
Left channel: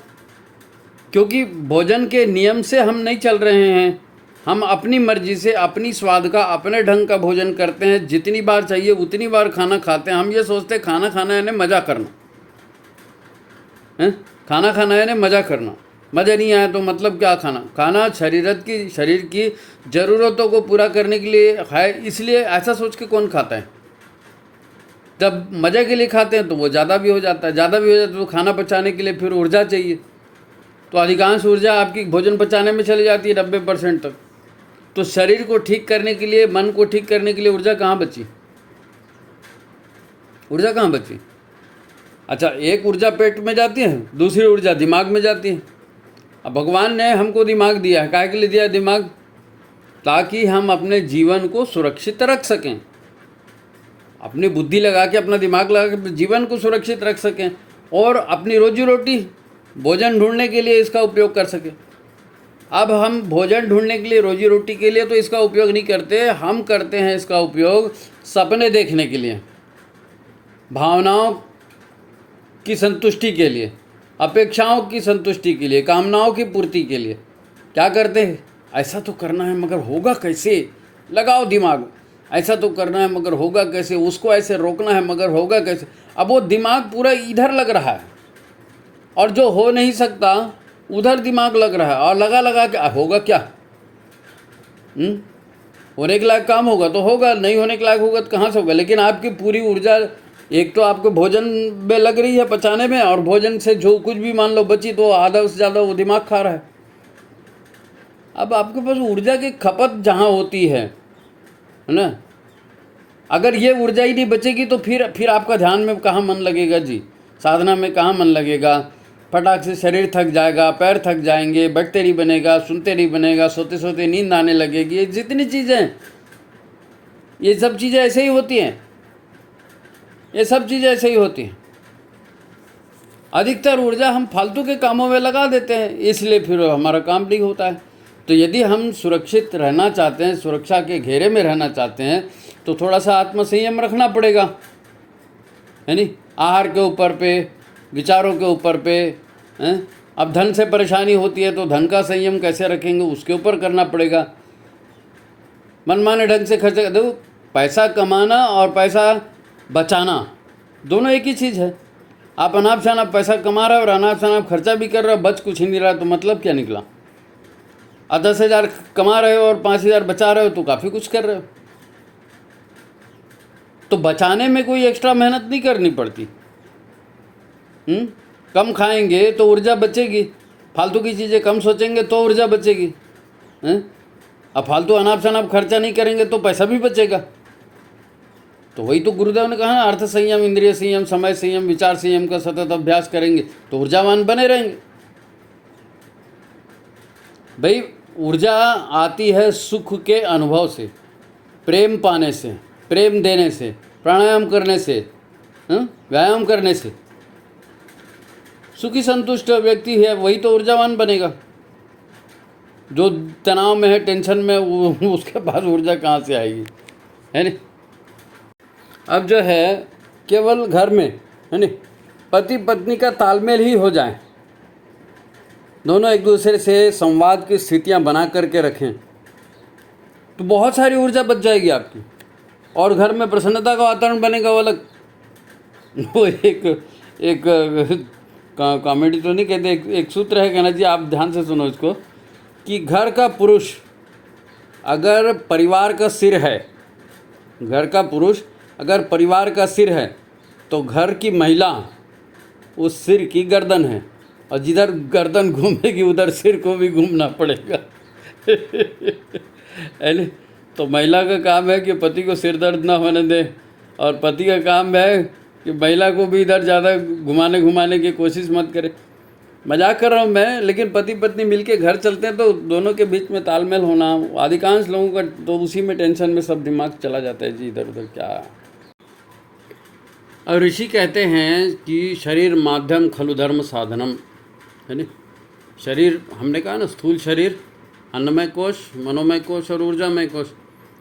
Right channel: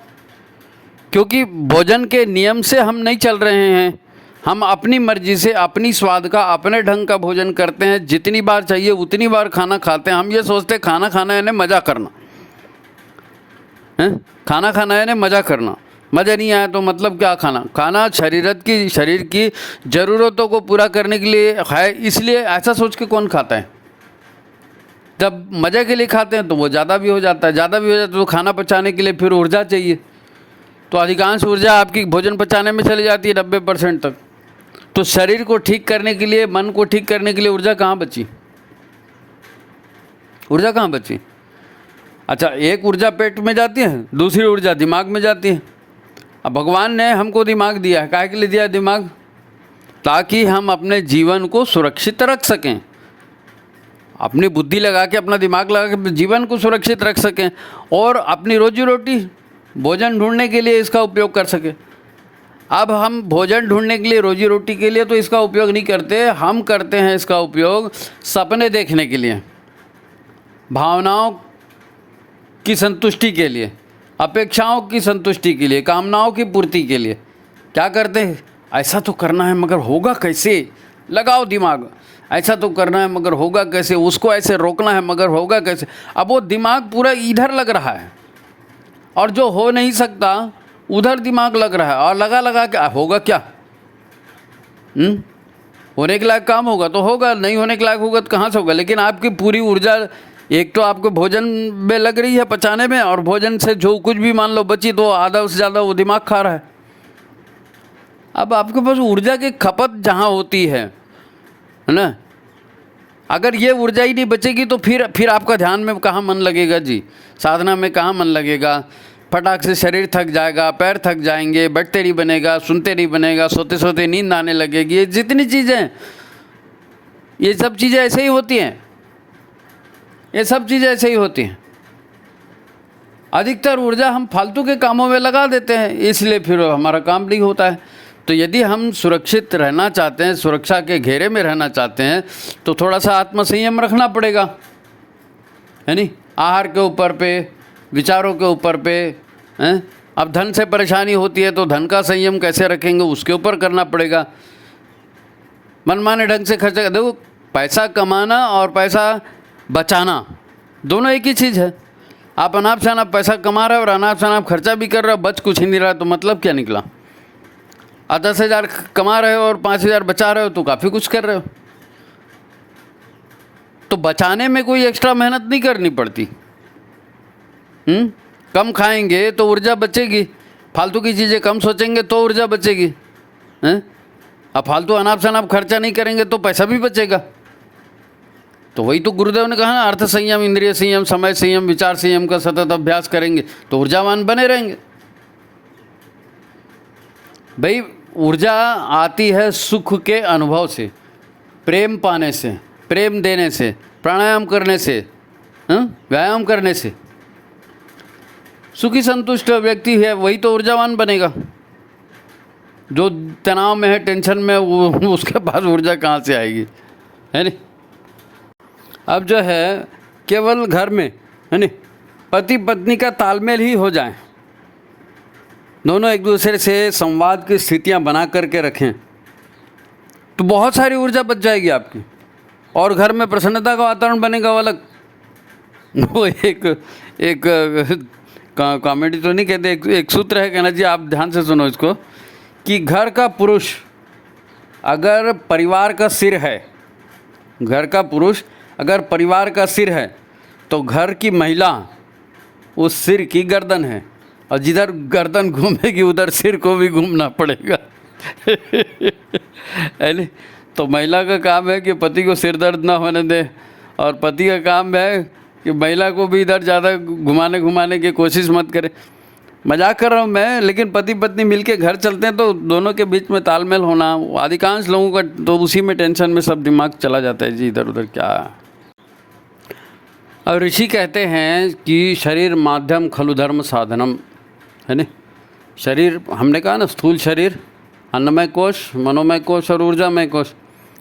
क्योंकि भोजन के नियम से हम नहीं चल रहे हैं। हम अपनी मर्जी से, अपनी स्वाद का, अपने ढंग का भोजन करते हैं। जितनी बार चाहिए उतनी बार खाना खाते हैं। हम ये सोचते हैं खाना खाना यानी मज़ा करना है, खाना खाना यानी मज़ा करना। मज़ा नहीं आया तो मतलब क्या? खाना शरीर की ज़रूरतों को पूरा करने के लिए है, इसलिए ऐसा सोच के कौन खाता है? जब मज़े के लिए खाते हैं तो वो ज़्यादा भी हो जाता है, तो खाना पचाने के लिए फिर ऊर्जा चाहिए। तो अधिकांश ऊर्जा आपकी भोजन पचाने में चली जाती है, 90% तक। तो शरीर को ठीक करने के लिए, मन को ठीक करने के लिए ऊर्जा कहाँ बची? अच्छा, एक ऊर्जा पेट में जाती है, दूसरी ऊर्जा दिमाग में जाती है। अब भगवान ने हमको दिमाग दिया है, काहे के लिए दिया है दिमाग? ताकि हम अपने जीवन को सुरक्षित रख सकें। अपनी बुद्धि लगा के, अपना दिमाग लगा के जीवन को सुरक्षित रख सकें और अपनी रोजी रोटी, भोजन ढूंढने के लिए इसका उपयोग कर सकें। अब हम भोजन ढूंढने के लिए, रोजी रोटी के लिए तो इसका उपयोग नहीं करते, हम करते हैं इसका उपयोग सपने देखने के लिए, भावनाओं की संतुष्टि के लिए, अपेक्षाओं की संतुष्टि के लिए, कामनाओं की पूर्ति के लिए। क्या करते हैं? ऐसा तो करना है मगर होगा कैसे? लगाओ दिमाग। ऐसा तो करना है मगर होगा कैसे? उसको ऐसे रोकना है मगर होगा कैसे? अब वो दिमाग पूरा इधर लग रहा है और जो हो नहीं सकता उधर दिमाग लग रहा है, और लगा के होगा क्या? होने के लायक काम होगा तो होगा, नहीं होने के लायक होगा तो कहाँ से होगा? लेकिन आपकी पूरी ऊर्जा एक तो आपको भोजन में लग रही है पचाने में, और भोजन से जो कुछ भी मान लो बची तो आधा से ज़्यादा वो दिमाग खा रहा है। अब आपके पास ऊर्जा की खपत जहाँ होती है ना, अगर ये ऊर्जा ही नहीं बचेगी तो फिर आपका ध्यान में कहाँ मन लगेगा जी? साधना में कहाँ मन लगेगा? फटाक से शरीर थक जाएगा, पैर थक जाएंगे, बैठते नहीं बनेगा, सुनते नहीं बनेगा, सोते सोते नींद आने लगेगी। ये जितनी चीज़ें, ये सब चीज़ें ऐसे ही होती हैं, ये सब चीज़ें ऐसे ही होती हैं। अधिकतर ऊर्जा हम फालतू के कामों में लगा देते हैं, इसलिए फिर हमारा काम नहीं होता है। तो यदि हम सुरक्षित रहना चाहते हैं, सुरक्षा के घेरे में रहना चाहते हैं, तो थोड़ा सा आत्मसंयम रखना पड़ेगा, है नहीं? आहार के ऊपर पे, विचारों के ऊपर पे, हैं? अब धन से परेशानी होती है तो धन का संयम कैसे रखेंगे, उसके ऊपर करना पड़ेगा। मनमाने ढंग से खर्चा, देखो पैसा कमाना और पैसा बचाना दोनों एक ही चीज़ है। आप अनाप शनाप पैसा कमा रहे हो और अनाप शनाप खर्चा भी कर रहे हो, बच कुछ ही नहीं रहा, तो मतलब क्या निकला? 10,000 कमा रहे हो और 5,000 बचा रहे हो तो काफ़ी कुछ कर रहे हो। तो बचाने में कोई एक्स्ट्रा मेहनत नहीं करनी पड़ती। कम खाएंगे तो ऊर्जा बचेगी, फालतू की चीज़ें कम सोचेंगे तो ऊर्जा बचेगी, हैं? अब फालतू अनाप शनाप खर्चा नहीं करेंगे तो पैसा भी बचेगा। तो वही तो गुरुदेव ने कहा ना, अर्थ संयम, इंद्रिय संयम, समय संयम, विचार संयम का सतत अभ्यास करेंगे तो ऊर्जावान बने रहेंगे। भाई ऊर्जा आती है सुख के अनुभव से, प्रेम पाने से, प्रेम देने से, प्राणायाम करने से, व्यायाम करने से। सुखी संतुष्ट व्यक्ति है वही तो ऊर्जावान बनेगा। जो तनाव में है, टेंशन में, वो उसके पास ऊर्जा कहाँ से आएगी, है नहीं? अब जो है केवल घर में, है नहीं, पति पत्नी का तालमेल ही हो जाए, दोनों एक दूसरे से संवाद की स्थितियां बना करके रखें, तो बहुत सारी ऊर्जा बच जाएगी आपकी, और घर में प्रसन्नता का वातावरण बनेगा। वो अलग, वो एक कॉमेडी तो नहीं कहते, एक सूत्र है, कहना जी आप ध्यान से सुनो इसको, कि घर का पुरुष अगर परिवार का सिर है, घर का पुरुष अगर परिवार का सिर है, तो घर की महिला उस सिर की गर्दन है, और जिधर गर्दन घूमेगी उधर सिर को भी घूमना पड़ेगा। है? तो महिला का काम है कि पति को सिर दर्द ना होने दे, और पति का काम है कि महिला को भी इधर ज़्यादा घुमाने की कोशिश मत करे। मजाक कर रहा हूँ मैं, लेकिन पति पत्नी मिलके घर चलते हैं तो दोनों के बीच में तालमेल होना, अधिकांश लोगों का तो उसी में टेंशन में सब दिमाग चला जाता है जी, इधर उधर क्या। अब ऋषि कहते हैं कि शरीर माध्यम खलु धर्म साधनम, है ना? शरीर, हमने कहा ना, स्थूल शरीर, अन्नमय कोश, मनोमय कोश और ऊर्जामय कोश।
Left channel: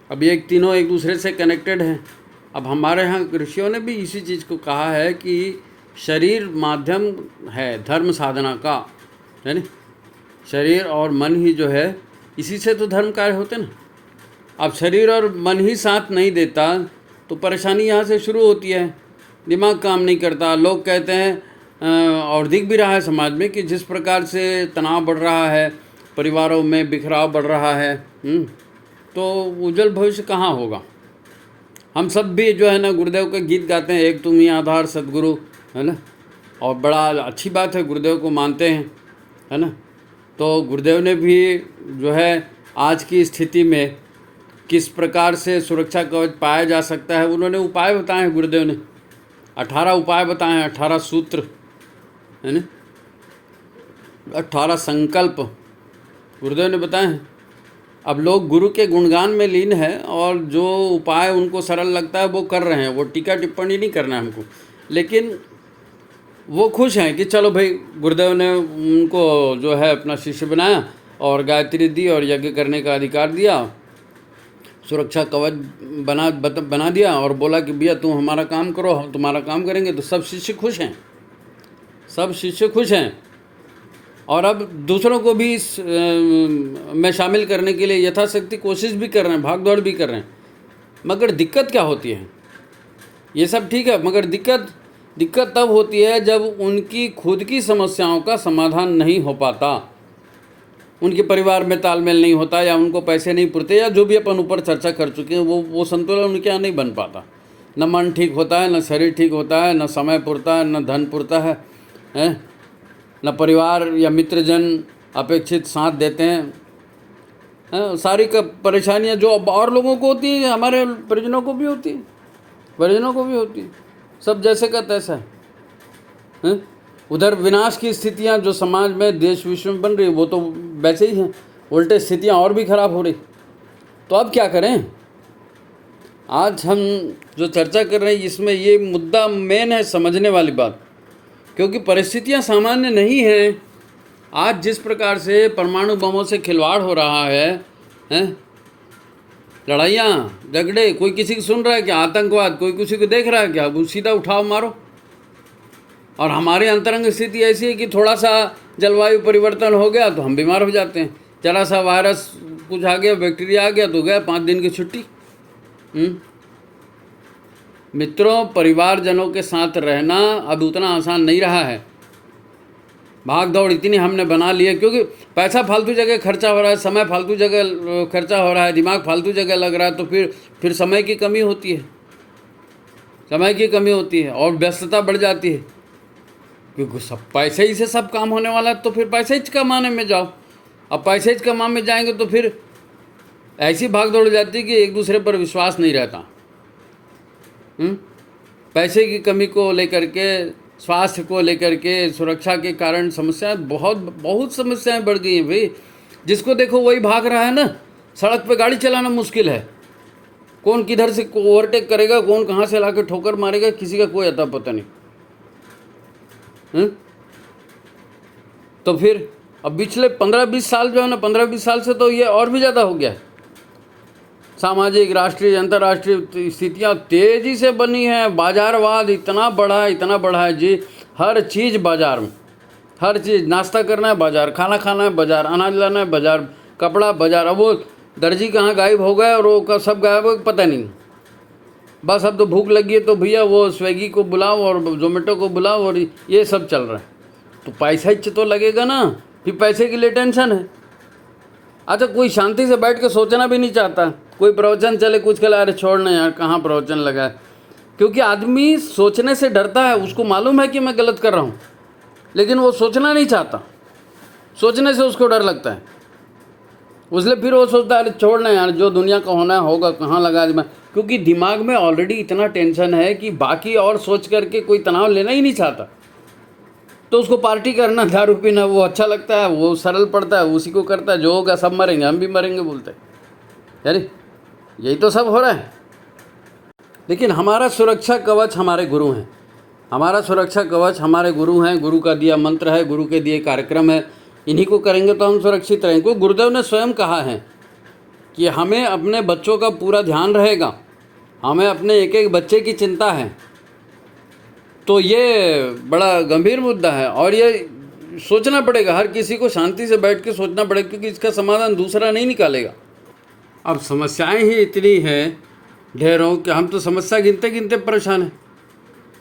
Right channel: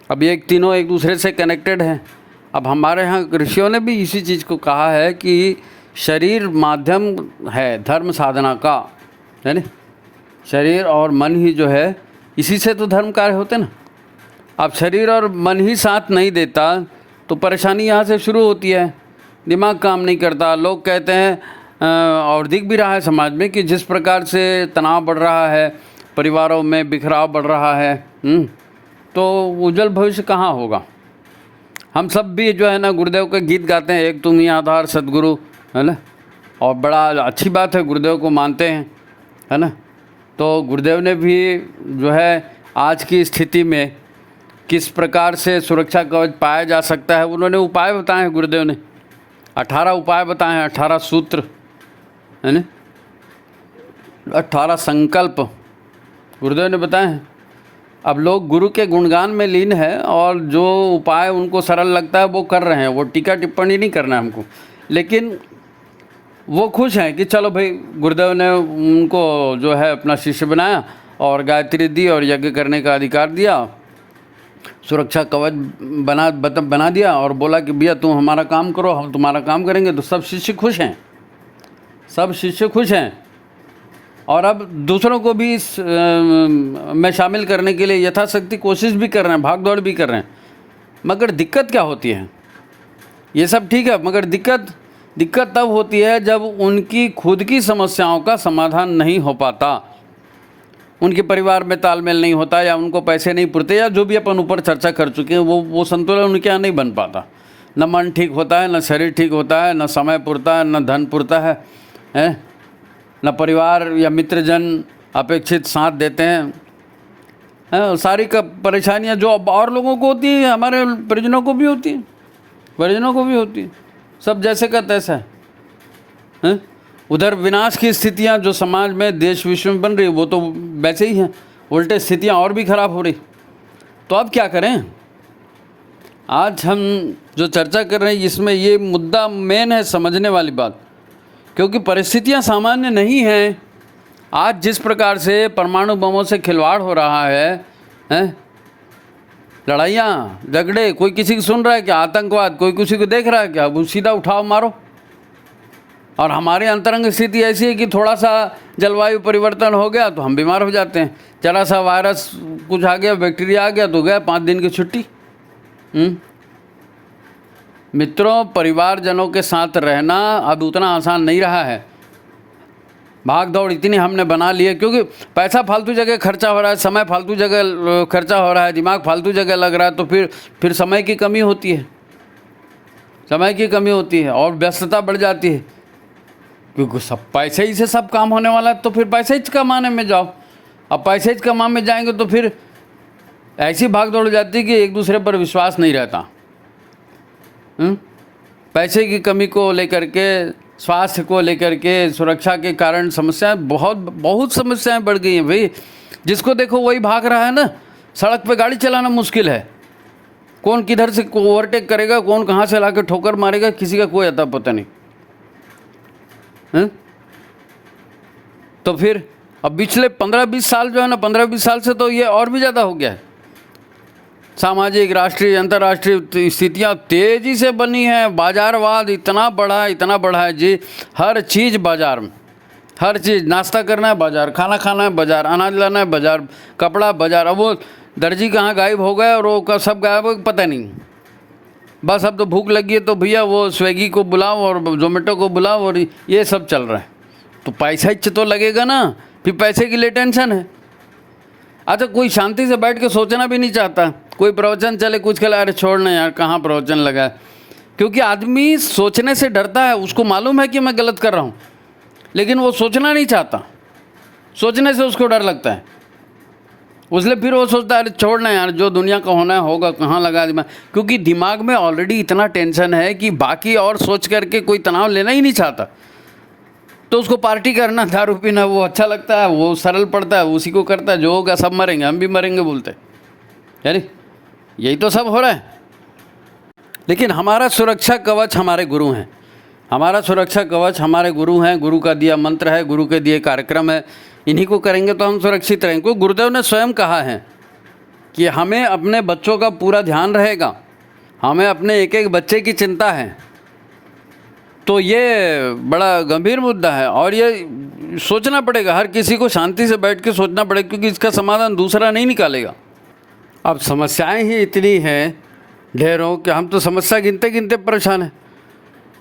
अब ये तीनों एक दूसरे से कनेक्टेड हैं। अब हमारे यहाँ ऋषियों ने भी इसी चीज़ को कहा है कि शरीर माध्यम है धर्म साधना का, है ना? शरीर और मन ही जो है, इसी से तो धर्म कार्य होते ना। अब शरीर और मन ही साथ नहीं देता तो परेशानी यहाँ से शुरू होती है, दिमाग काम नहीं करता। लोग कहते हैं और दिख भी रहा है समाज में कि जिस प्रकार से तनाव बढ़ रहा है, परिवारों में बिखराव बढ़ रहा है, तो उज्जवल भविष्य कहाँ होगा। हम सब भी जो है ना गुरुदेव का गीत गाते हैं, एक तुम ही आधार सद्गुरु, है ना, और बड़ा अच्छी बात है, गुरुदेव को मानते हैं, है ना। तो गुरुदेव ने भी जो है आज की स्थिति में किस प्रकार से सुरक्षा कवच पाया जा सकता है, उन्होंने उपाय बताए हैं। गुरुदेव ने 18 उपाय बताए हैं, 18 सूत्र, है ना, 18 संकल्प गुरुदेव ने बताए हैं। अब लोग गुरु के गुणगान में लीन है और जो उपाय उनको सरल लगता है वो कर रहे हैं, वो टीका टिप्पणी नहीं करना है हमको, लेकिन वो खुश हैं कि चलो भाई गुरुदेव ने उनको जो है अपना शिष्य बनाया और गायत्री दी और यज्ञ करने का अधिकार दिया, सुरक्षा कवच बना दिया और बोला कि भैया तुम हमारा काम करो, हम तुम्हारा काम करेंगे। तो सब शिष्य खुश हैं, सब शिष्य खुश हैं, और अब दूसरों को भी इस में शामिल करने के लिए यथाशक्ति कोशिश भी कर रहे हैं, भाग दौड़ भी कर रहे हैं। मगर दिक्कत क्या होती है, ये सब ठीक है, मगर दिक्कत तब होती है जब उनकी खुद की समस्याओं का समाधान नहीं हो पाता, उनके परिवार में तालमेल नहीं होता, या उनको पैसे नहीं पुरते, या जो भी अपन ऊपर चर्चा कर चुके हैं वो संतुलन उनके यहाँ नहीं बन पाता। न मन ठीक होता है, न शरीर ठीक होता है, न समय पुरता है, न धन पुरता है, न परिवार या मित्रजन अपेक्षित साथ देते हैं। सारी का परेशानियाँ जो और लोगों को होती हैं, हमारे परिजनों को भी होती हैं, परिजनों को भी होती है, सब जैसे का तैसा है। उधर विनाश की स्थितियां जो समाज में देश विश्व में बन रही वो तो वैसे ही हैं, उल्टे स्थितियां और भी खराब हो रही। तो अब क्या करें। आज हम जो चर्चा कर रहे हैं इसमें ये मुद्दा मेन है, समझने वाली बात क्योंकि परिस्थितियां सामान्य नहीं हैं। आज जिस प्रकार से परमाणु बमों से खिलवाड़ हो रहा है, हैं, लड़ाइयाँ झगड़े, कोई किसी की सुन रहा है क्या? आतंकवाद कोई किसी को देख रहा है क्या? वो सीधा उठाओ मारो। और हमारी अंतरंग स्थिति ऐसी है कि थोड़ा सा जलवायु परिवर्तन हो गया तो हम बीमार हो जाते हैं, जरा सा वायरस कुछ आ गया, बैक्टीरिया आ गया तो गया 5 दिन की छुट्टी। मित्रों, परिवारजनों के साथ रहना अब उतना आसान नहीं रहा है। भाग दौड़ इतनी हमने बना ली है, क्योंकि पैसा फालतू जगह खर्चा हो रहा है, समय फालतू जगह खर्चा हो रहा है, दिमाग फालतू जगह लग रहा है, तो फिर समय की कमी होती है, समय की कमी होती है और व्यस्तता बढ़ जाती है। क्योंकि सब पैसे ही से सब काम होने वाला है, तो फिर पैसे ही कमाने में जाओ। अब पैसे ही कमाने में जाएंगे तो फिर ऐसी भाग दौड़ हो जाती है कि एक दूसरे पर विश्वास नहीं रहता। पैसे की कमी को लेकर के, स्वास्थ्य को लेकर के, सुरक्षा के कारण समस्याएं, बहुत समस्याएं बढ़ गई हैं भाई। जिसको देखो वही भाग रहा है ना। सड़क पे गाड़ी चलाना मुश्किल है, कौन किधर से ओवरटेक करेगा, कौन कहाँ से लाकर ठोकर मारेगा, किसी का कोई अता पता नहीं। तो फिर अब पिछले 15-20 साल जो है ना, 15-20 साल से तो ये और भी ज़्यादा हो गया है। सामाजिक, राष्ट्रीय, अंतर्राष्ट्रीय स्थितियाँ तेज़ी से बनी हैं। बाजारवाद इतना बड़ा है जी। हर चीज़ बाजार में, हर चीज़। नाश्ता करना है बाजार, खाना खाना है बाजार, अनाज लाना है बाजार, कपड़ा बाजार। अब वो दर्जी कहाँ गायब हो गए और वो सब गायब हो पता नहीं। बस अब तो भूख लगी है तो भैया वो स्विगी को बुलाओ और जोमेटो को बुलाओ और ये सब चल रहा है। तो पैसा ही तो लगेगा ना, फिर पैसे के लिए टेंशन है। अच्छा, कोई शांति से बैठ के सोचना भी नहीं चाहता। कोई प्रवचन चले, कुछ खेला, अरे छोड़ना यार, कहाँ प्रवचन लगा है। क्योंकि आदमी सोचने से डरता है। उसको मालूम है कि मैं गलत कर रहा हूँ, लेकिन वो सोचना नहीं चाहता। सोचने से उसको डर लगता है, उसलिए फिर वो सोचता है अरे छोड़ना यार, जो दुनिया का होना है होगा, कहाँ लगा दिमाग। क्योंकि दिमाग में ऑलरेडी इतना टेंशन है कि बाकी और सोच करके कोई तनाव लेना ही नहीं चाहता। तो उसको पार्टी करना, दारू पीना वो अच्छा लगता है, वो सरल पड़ता है, उसी को करता है। जो होगा सब मरेंगे, हम भी मरेंगे बोलते हैं। यानी यही तो सब हो रहा है। लेकिन हमारा सुरक्षा कवच हमारे गुरु हैं। हमारा सुरक्षा कवच हमारे गुरु हैं। गुरु का दिया मंत्र है, गुरु के दिए कार्यक्रम है। इन्हीं को करेंगे तो हम सुरक्षित रहेंगे। क्योंकि गुरुदेव ने स्वयं कहा है कि हमें अपने बच्चों का पूरा ध्यान रहेगा, हमें अपने एक एक बच्चे की चिंता है। तो ये बड़ा गंभीर मुद्दा है और ये सोचना पड़ेगा। हर किसी को शांति से बैठ के सोचना पड़ेगा, क्योंकि इसका समाधान दूसरा नहीं निकालेगा। अब समस्याएं ही इतनी हैं ढेरों कि हम तो समस्या गिनते गिनते परेशान हैं।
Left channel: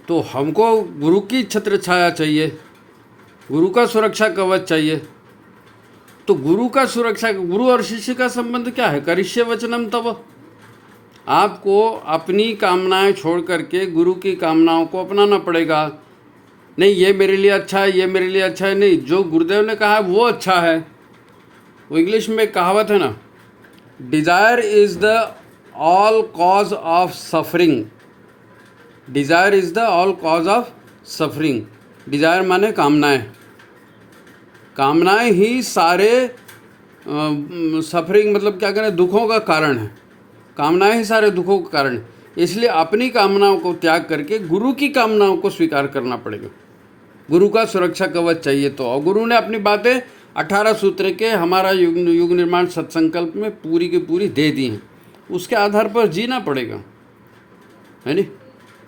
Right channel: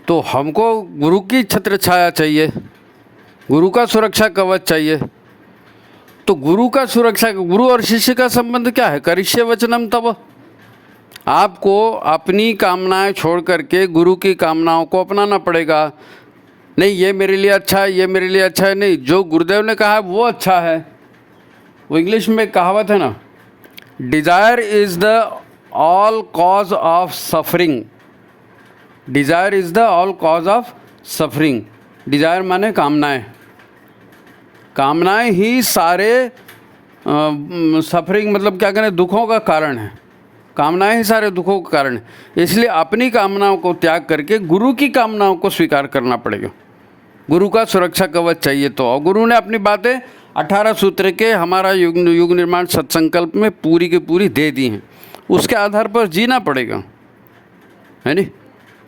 तो हमको गुरु की छत्र छाया चाहिए, गुरु का सुरक्षा कवच चाहिए। तो गुरु का सुरक्षा, गुरु और शिष्य का संबंध क्या है? करिष्ये वचनम तव। आपको अपनी कामनाएं छोड़ करके गुरु की कामनाओं को अपनाना पड़ेगा। नहीं ये मेरे लिए अच्छा है, ये मेरे लिए अच्छा है, नहीं, जो गुरुदेव ने कहा है वो अच्छा है। वो इंग्लिश में कहावत है ना, desire is the all cause of suffering. Desire is the all cause of suffering. Desire माने कामनाएं, कामनाएं ही सारे सफरिंग मतलब क्या करें, दुखों का कारण है। कामनाएं ही सारे दुखों का कारण है। इसलिए अपनी कामनाओं को त्याग करके गुरु की कामनाओं को स्वीकार करना पड़ेगा। गुरु का सुरक्षा कवच चाहिए। तो और गुरु ने अपनी बातें 18 सूत्र के हमारा युग निर्माण सत्संकल्प में पूरी की पूरी दे दी हैं। उसके आधार पर जीना पड़ेगा, है नहीं?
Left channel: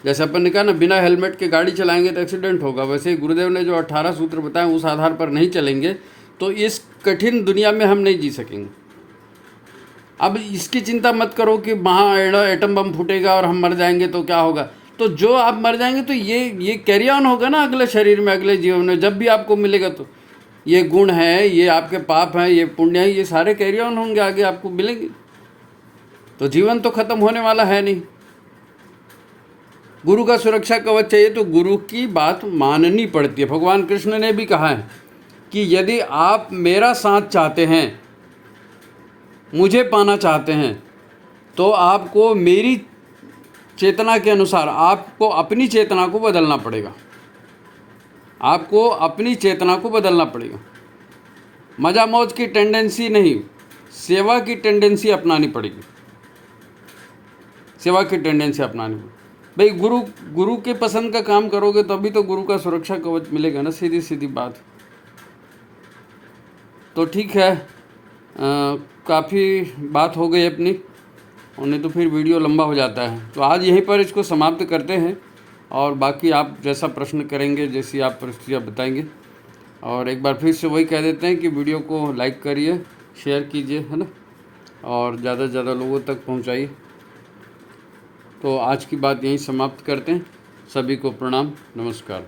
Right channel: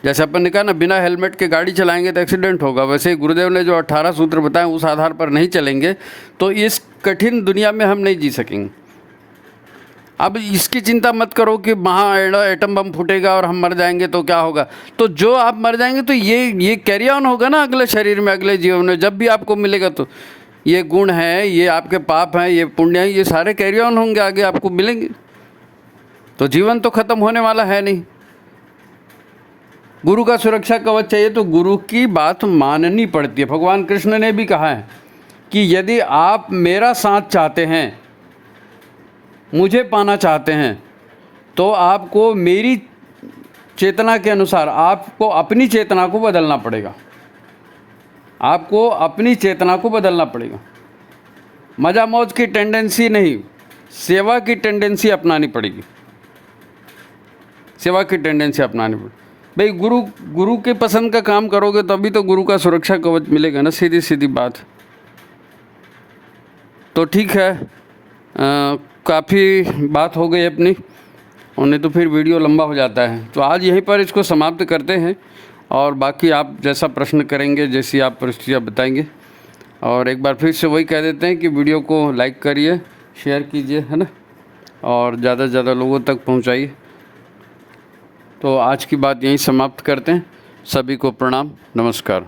जैसे अपन ने कहा ना, बिना हेलमेट के गाड़ी चलाएंगे तो एक्सीडेंट होगा, वैसे ही गुरुदेव ने जो 18 सूत्र बताए उस आधार पर नहीं चलेंगे तो इस कठिन दुनिया में हम नहीं जी सकेंगे। अब इसकी चिंता मत करो कि वहाँ एटम बम फूटेगा और हम मर जाएंगे तो क्या होगा। तो जो आप मर जाएंगे तो ये कैरी ऑन होगा ना अगले शरीर में, अगले जीवन में। जब भी आपको मिलेगा तो ये गुण हैं, ये आपके पाप हैं, ये पुण्य हैं, ये सारे कैरी ऑन होंगे, आगे आपको मिलेंगे। तो जीवन तो खत्म होने वाला है नहीं। गुरु का सुरक्षा कवच चाहिए तो गुरु की बात माननी पड़ती है। भगवान कृष्ण ने भी कहा है कि यदि आप मेरा साथ चाहते हैं, मुझे पाना चाहते हैं, तो आपको मेरी चेतना के अनुसार आपको अपनी चेतना को बदलना पड़ेगा। आपको अपनी चेतना को बदलना पड़ेगा। मजा मौज की टेंडेंसी नहीं, सेवा की टेंडेंसी अपनानी पड़ेगी। सेवा की टेंडेंसी अपनानी पड़ेगी। भाई गुरु के पसंद का काम करोगे तभी तो गुरु का सुरक्षा कवच मिलेगा ना, सीधी सीधी बात। तो ठीक है, काफ़ी बात हो गई अपनी, और नहीं तो फिर वीडियो लंबा हो जाता है। तो आज यहीं पर इसको समाप्त करते हैं, और बाकी आप जैसा प्रश्न करेंगे, जैसी आप परिस्थितियाँ बताएंगे। और एक बार फिर से वही कह देते हैं कि वीडियो को लाइक करिए, शेयर कीजिए, है ना, और ज़्यादा से ज़्यादा लोगों तक पहुंचाइए। तो आज की बात यहीं समाप्त करते हैं। सभी को प्रणाम, नमस्कार।